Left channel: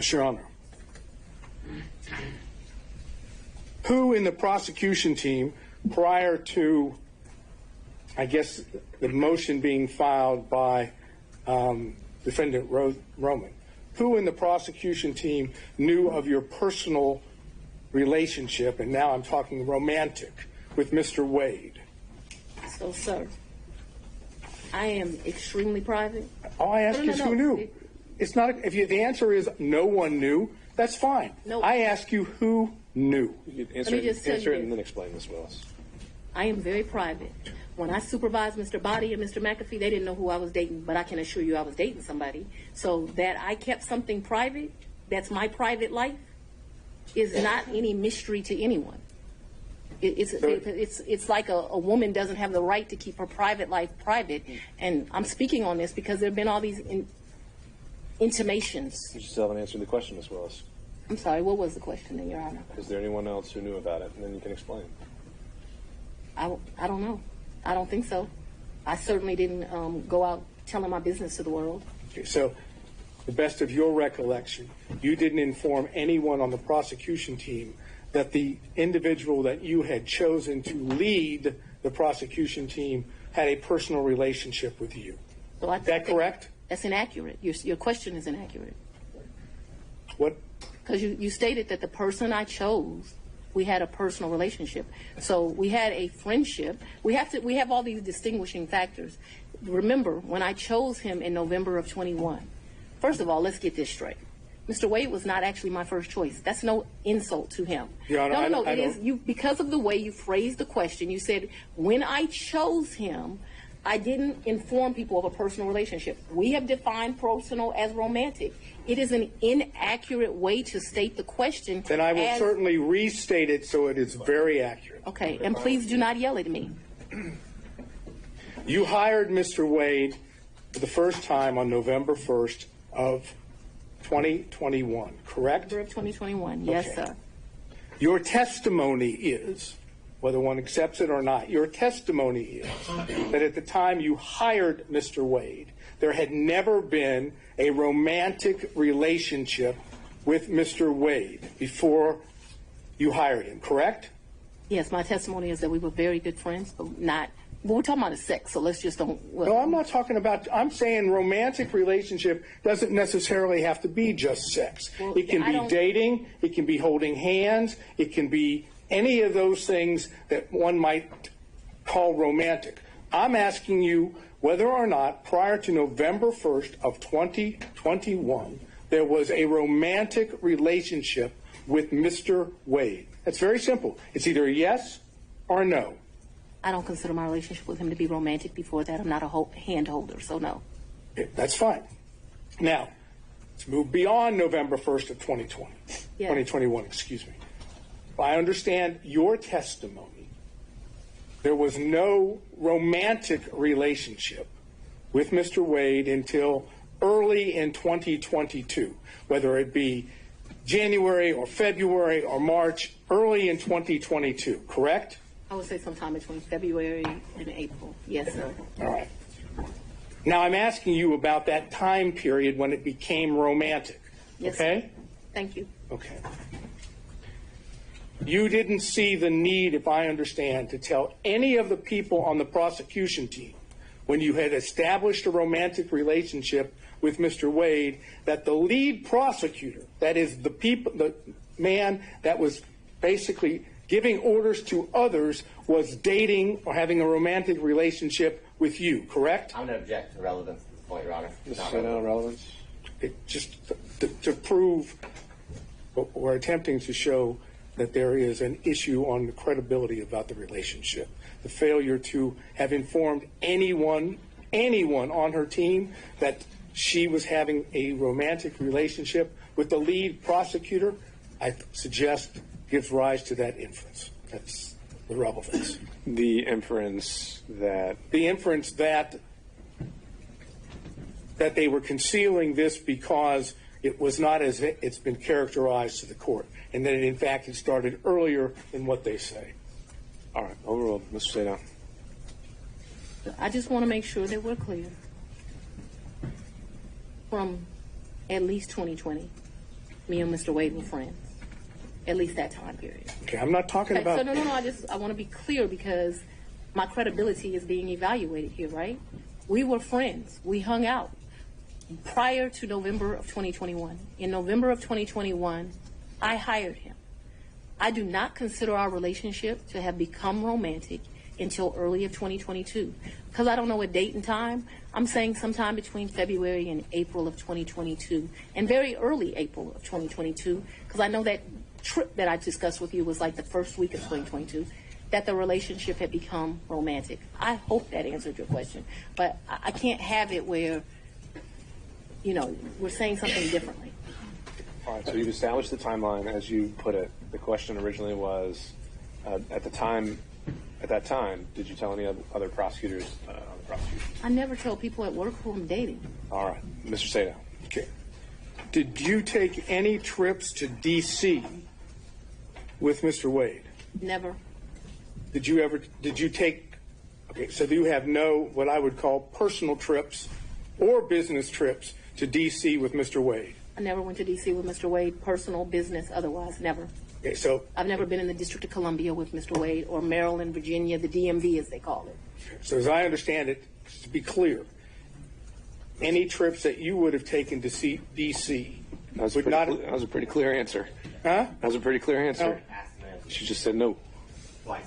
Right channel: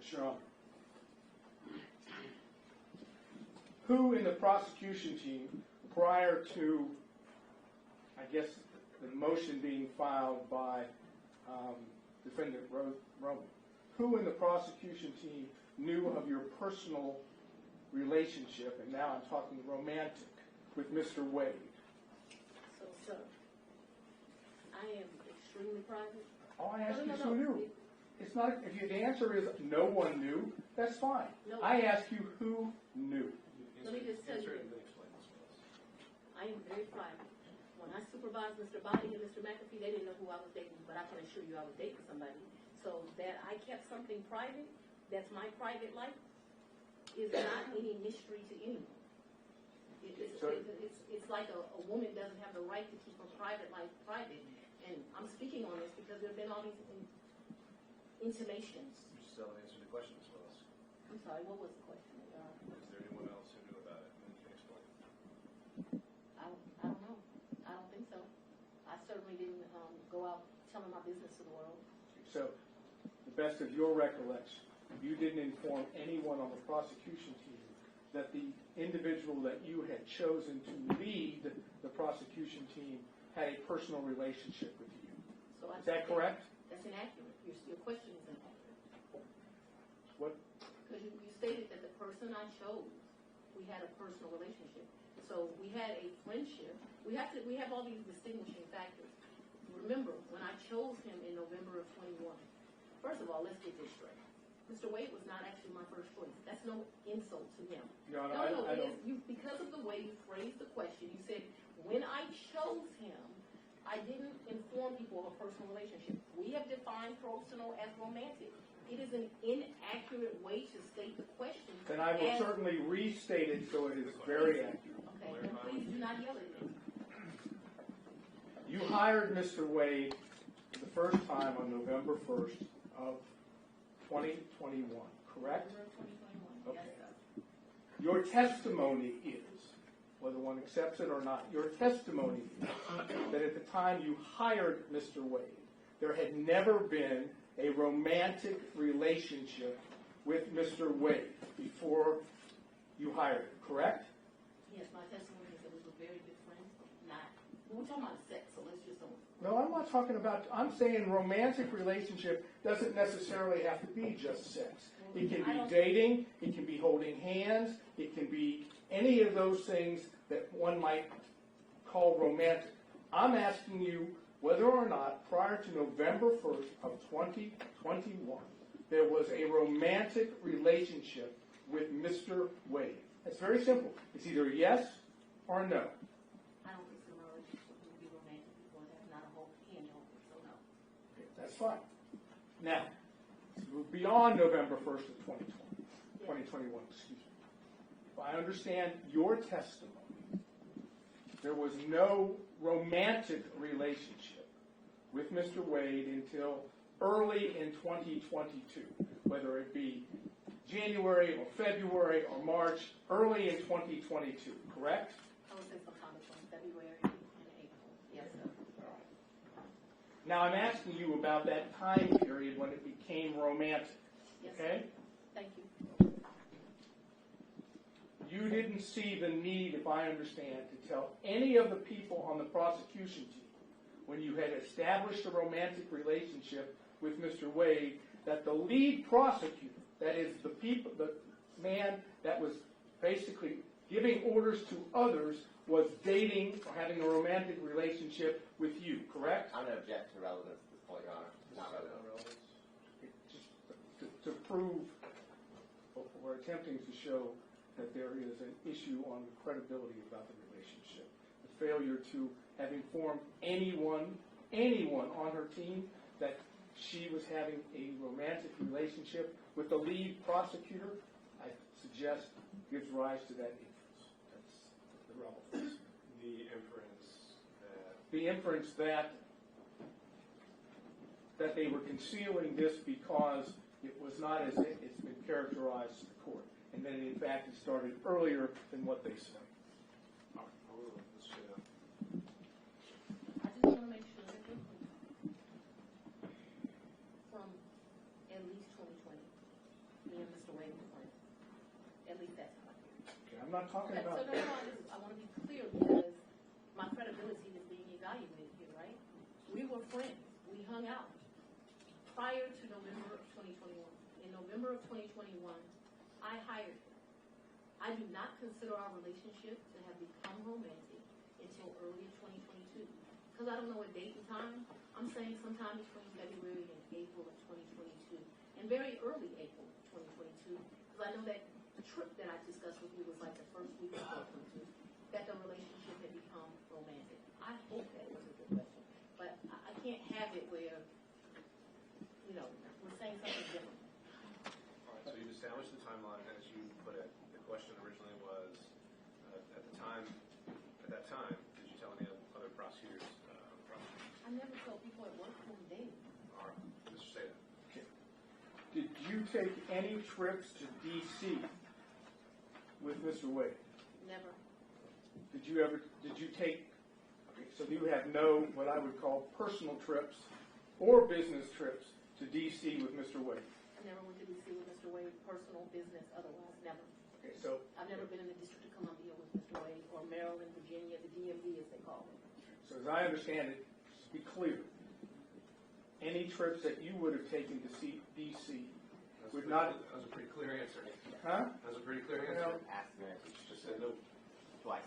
Yes, Your Honor. Who in the prosecution team, prior to, I guess, the motion being filed by Defendant Roman, who in the prosecution team knew of your personal relationship, and now I'm talking romantic, with Mr. Wade? So, sir, I am extremely private. All I ask is who knew. It's not, if the answer is no one knew, that's fine. No. I ask you who knew. You answer it and then explain, Ms. Willis. I am very private. When I supervised Mr. Body and Mr. McAfee, they didn't know who I was dating, but I can assure you I was dating somebody. So that I kept something private, that's my private life, is not any mystery to anyone. It's like a woman doesn't have the right to keep her private life private. And I'm speaking on this because there have been all these intimations. You still haven't answered the question, Ms. Willis. I'm sorry, what was the question, then, Your Honor? Is there anyone else who knew about it? And then you can explain. I don't know. I don't think so. I certainly didn't go out telling my business to the world. Okay, so, the best of your recollection, you didn't inform anyone on the prosecution team that the individual that you had chosen to lead the prosecution team had a personal relationship with you. So is that correct? That's inaccurate. Your question is inaccurate. What? Because you stated that the person I chose, we had a personal relationship. So we had a friendship. We have all these distinguishing factors. Remember, when I chose him in November of 21, first of all, let's get this straight. Mr. Wade was not actually my first choice. That's no insult to him. Your Honor, No, it is you, because of the way you phrased the question. You said, when I chose him, I didn't inform people of a personal relationship. We have defined personal as romantic. It is an inaccurate way to state the question. Then I will certainly restate it so it is very accurate. Okay, and please do not yell at me. You hired Mr. Wade for the first time on November 1st of 2021, correct? November of 2021, yes, Okay. sir. Your testimony is, whether one accepts it or not, your testimony is that at the time you hired Mr. Wade, there had never been a romantic relationship with Mr. Wade before you hired him, correct? Yes, my testimony is that we were very good friends, but we're talking about the sex, so let's just don't. No, I'm not talking about, I'm saying romantic relationship doesn't necessarily have to be just sex. Well, it can be dating, it can be holding hands, it can be any of those things that one might call romantic. I'm asking you whether or not prior to November 1st of 2021, there was a romantic relationship with Mr. Wade. That's very simple. It's either a yes or a no. I don't consider my relationship with him to be romantic before that. I'm not a hand holder, so no. Okay, that's fine. Now, let's move beyond November 1st of 2021, excuse me. If I understand your testimony, there was no romantic relationship with Mr. Wade until early in 2022, whether it be January or February or March, early in 2022, correct? I would say sometime between February and April. Yes, sir. All right. Now I'm asking you about that time period when it became romantic. Yes, okay? Sir. Thank you. Okay. You didn't see the need, if I understand, to tell any of the people on the prosecution team when you had established a romantic relationship with Mr. Wade that the lead prosecutor, that is the man that was basically giving orders to others, was dating or having a romantic relationship with you, correct? I'm going to object to relevance at this point, Your Honor. Just relevance. Just to prove or attempting to show that there is an issue on the credibility about the relationship. The failure to have informed anyone on her team that she was having a romantic relationship with the lead prosecutor, I suggest gives rise to that inference. That's the relevance. The inference that they were concealing this because it was not as it's been characterized to the court, and that in fact it started earlier than what they say. All right, overruled. Mr. Sadon. I just want to make sure that we're clear. From at least 2020, me and Mr. Wade were friends. At least that time period. Okay, I'm not talking Okay, about. so no, I want to be clear because my credibility is being evaluated here, right? We were friends. We hung out prior to November of 2021. In November of 2021, I hired him. I do not consider our relationship to have become romantic until early of 2022. Because I don't know a date and time, I'm saying sometime between February and April of 2022, and very early April of 2022, because I know that trip that I discussed with you was like the first week of 2022, that the relationship had become romantic. I hope that answered your question, but I can't have it where, you know, we're saying something differently. All right, so you've established the timeline as you put it. The question originally was, at that time, did you tell any other prosecutors on the prosecution? I never tell people at work who I'm dating. All right, Mr. Sato. Okay. Did you take any trips to D.C. with Mr. Wade? Never. Did you take, okay, so you have no, what I would call personal trips or business trips to D.C. with Mr. Wade? I never went to D.C. with Mr. Wade, personal, business, otherwise, never. Okay, so. I've never been in the District of Columbia with Mr. Wade, or Maryland, Virginia, the DMV as they call it. So as I understand it, just to be clear, any trips that you would have taken to see D.C. That would not. That was a pretty clear answer. Huh? That was a pretty clear answer. No. She just said no. Twice.